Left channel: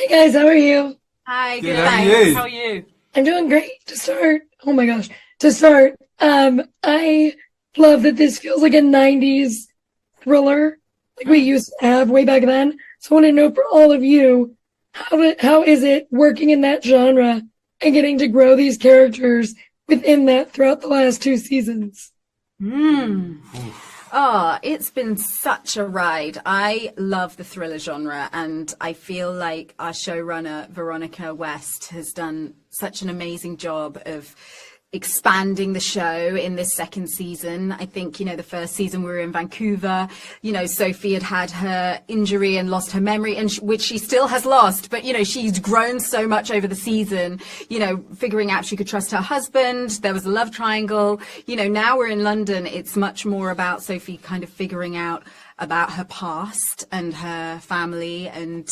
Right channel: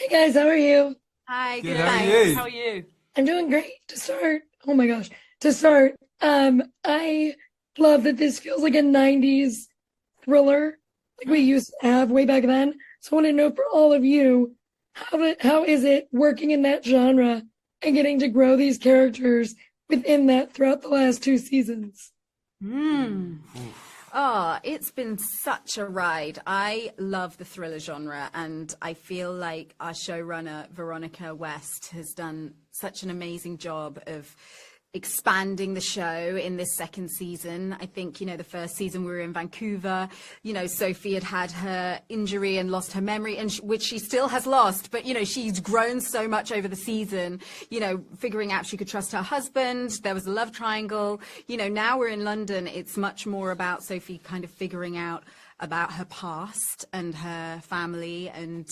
Hey guys, how are you? Hi, Good, good, how are thanks. you? How are you? I'm doing great. To start, oh my gosh, to start, I love that this feels like a 90s thriller like we used to have way back then. So I want to know for all of you, how is it working in that genre and getting to grow these characters within that throughout the last two seasons? Mm. Oh, it's been such a ride. I love the thriller genre, and I feel like our showrunner, Veronica West, has done such an amazing job of expanding the show in this second season. I think, the first season we were in Vancouver, Sophie had her injury and lost her memory, and which she still has lost, but, she's grown so much over the season, figuring out she could trust her husband. There was a love triangle. Now we're in London. It's much more about Sophie kind of figuring out about her past and her family. And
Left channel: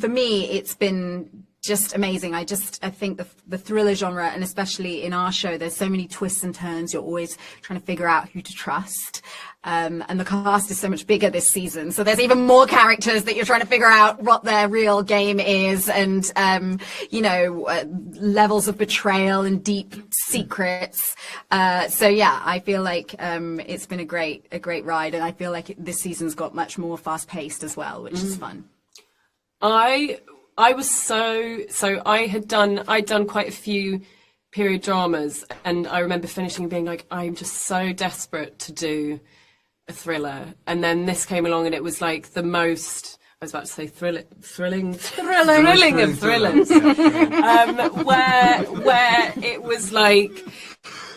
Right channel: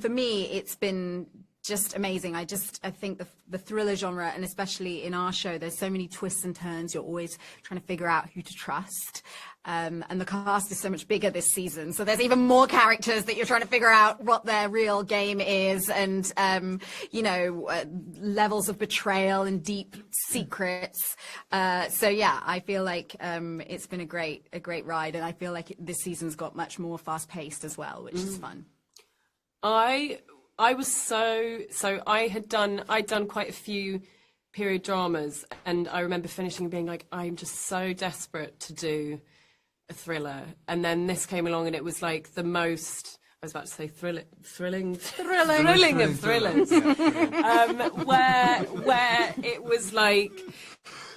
for me, it's been just amazing. I think the thriller genre, and especially in our show, there's so many twists and turns. You're always trying to figure out who to trust. And the cast is so much bigger this season. So there's even more characters that you're trying to figure out what their real game is, and, levels of betrayal and deep secrets. So yeah, I feel like it's been a great ride. And I feel like this season's got much more fast paced as well, which is fun. I was I'd done quite a few period dramas, and I remember finishing and being like, I'm just so desperate to do a thriller. And then this came along, and it was like the most, I was about to say thrilling of thrillers, where it was like,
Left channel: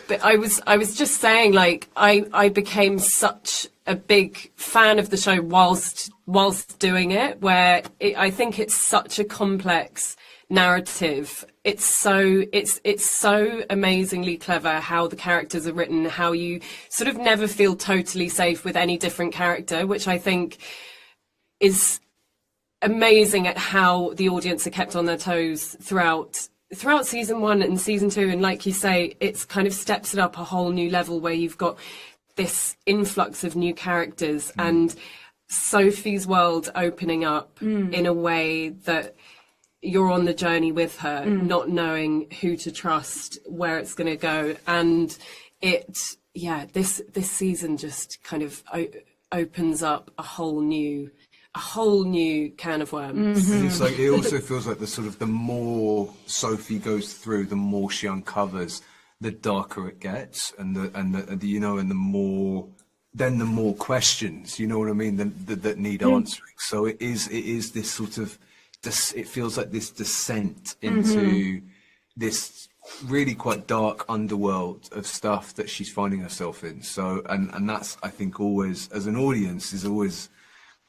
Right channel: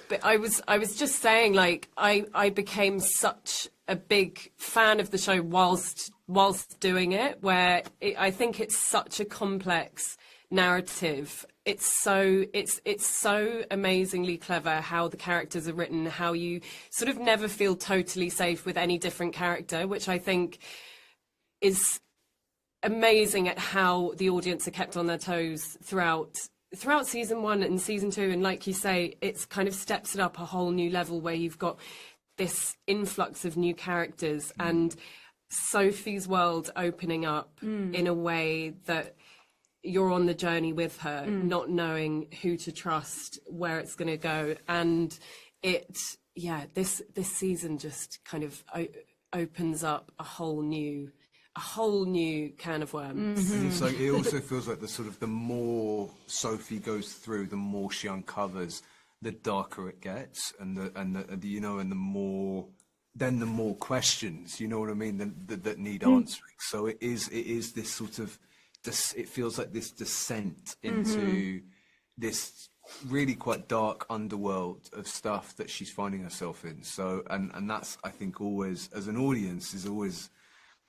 but I was just saying, like, I became such a big fan of the show whilst doing it, where I think it's such a complex narrative. It's so amazingly clever how the characters are written, how you sort of never feel totally safe with any different character, which I think is amazing at how the audience are kept on their toes throughout season one and season two. And like you say, it's kind of steps it up a whole new level, where you've got this influx of new characters and Sophie's world opening up in a way that you're on the journey with her, not knowing who to trust, where it's going to go. And this season just kind of opens up a whole new can of worms. It's like, it also feels like the more Sophie goes through, the more she uncovers, the darker it gets, and the more questions, you know what I mean, that need answering. So it is this sort of, it feels like this descent into this really quite dark underworld of stuff that she's finding herself in. So and that's, I think, always, as an audience, is always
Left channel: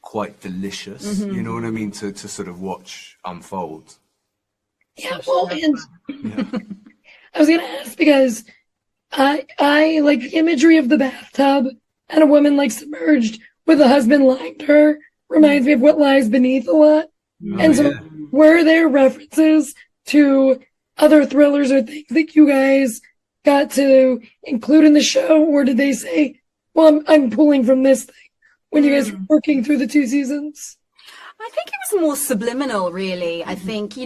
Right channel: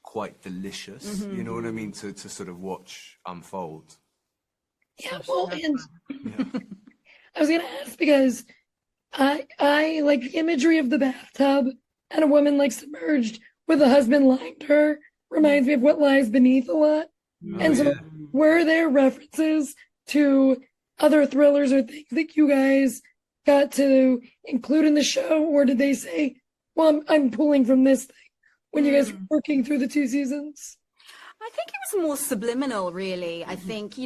quite delicious, you know what I mean, to sort of watch unfold. Yeah, well, and I was gonna ask because I like the imagery of the bathtub and a woman like submerged with a husband lying to her reminds me of What Lies Beneath a lot. And so, were there references to other thrillers or things that you guys got to include in the show, or did they say, "Well, I'm pulling from this thing" when you guys were working through the two seasons? I think it was more subliminal, really. I think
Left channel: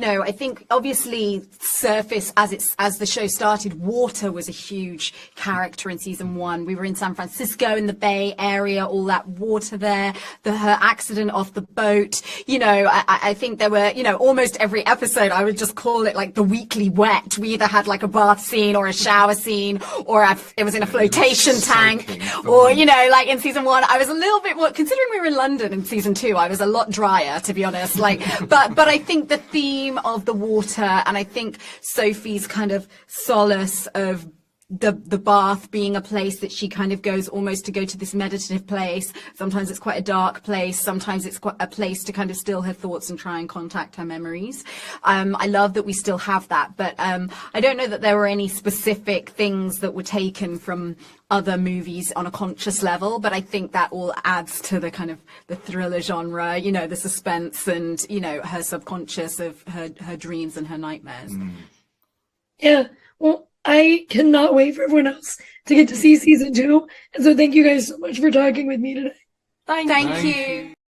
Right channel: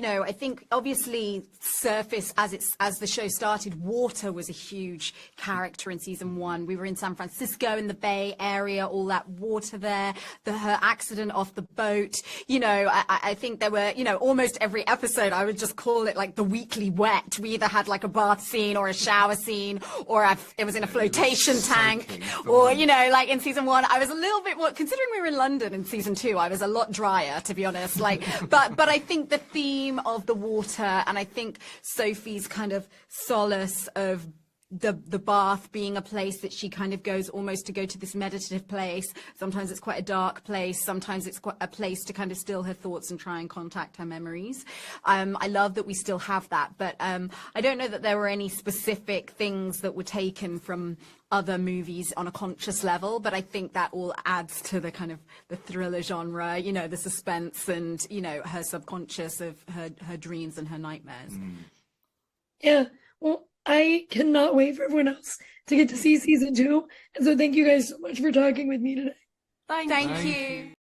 obviously surface as the show started, water was a huge character in season one. We were in San Francisco in the Bay Area, all that water there, her accident off the boat. I think there were, almost every episode, I would just call it like the weekly wet. We either had like a bath scene or a shower scene, or it was in a flotation tank, or, like in season one, I was a little bit more, considering we were in London in season two, I was a lot drier, to be honest. But I think the theme of the water, and I think Sophie's kind of solace of the bath being a place that she kind of goes almost to go to this meditative place. Sometimes it's quite a dark place. Sometimes it's quite a place to kind of still her thoughts and try and contact her memories. I love that we still have that, but I don't know that there were any specific things that were taken from other movies on a conscious level, but I think that all adds to the kind of the thriller genre, the suspense and, her subconscious of her dreams and her nightmares. Yeah, well, I cannot wait for everyone else to get to see season two. And so thank you guys so much for talking with me today. Thank you.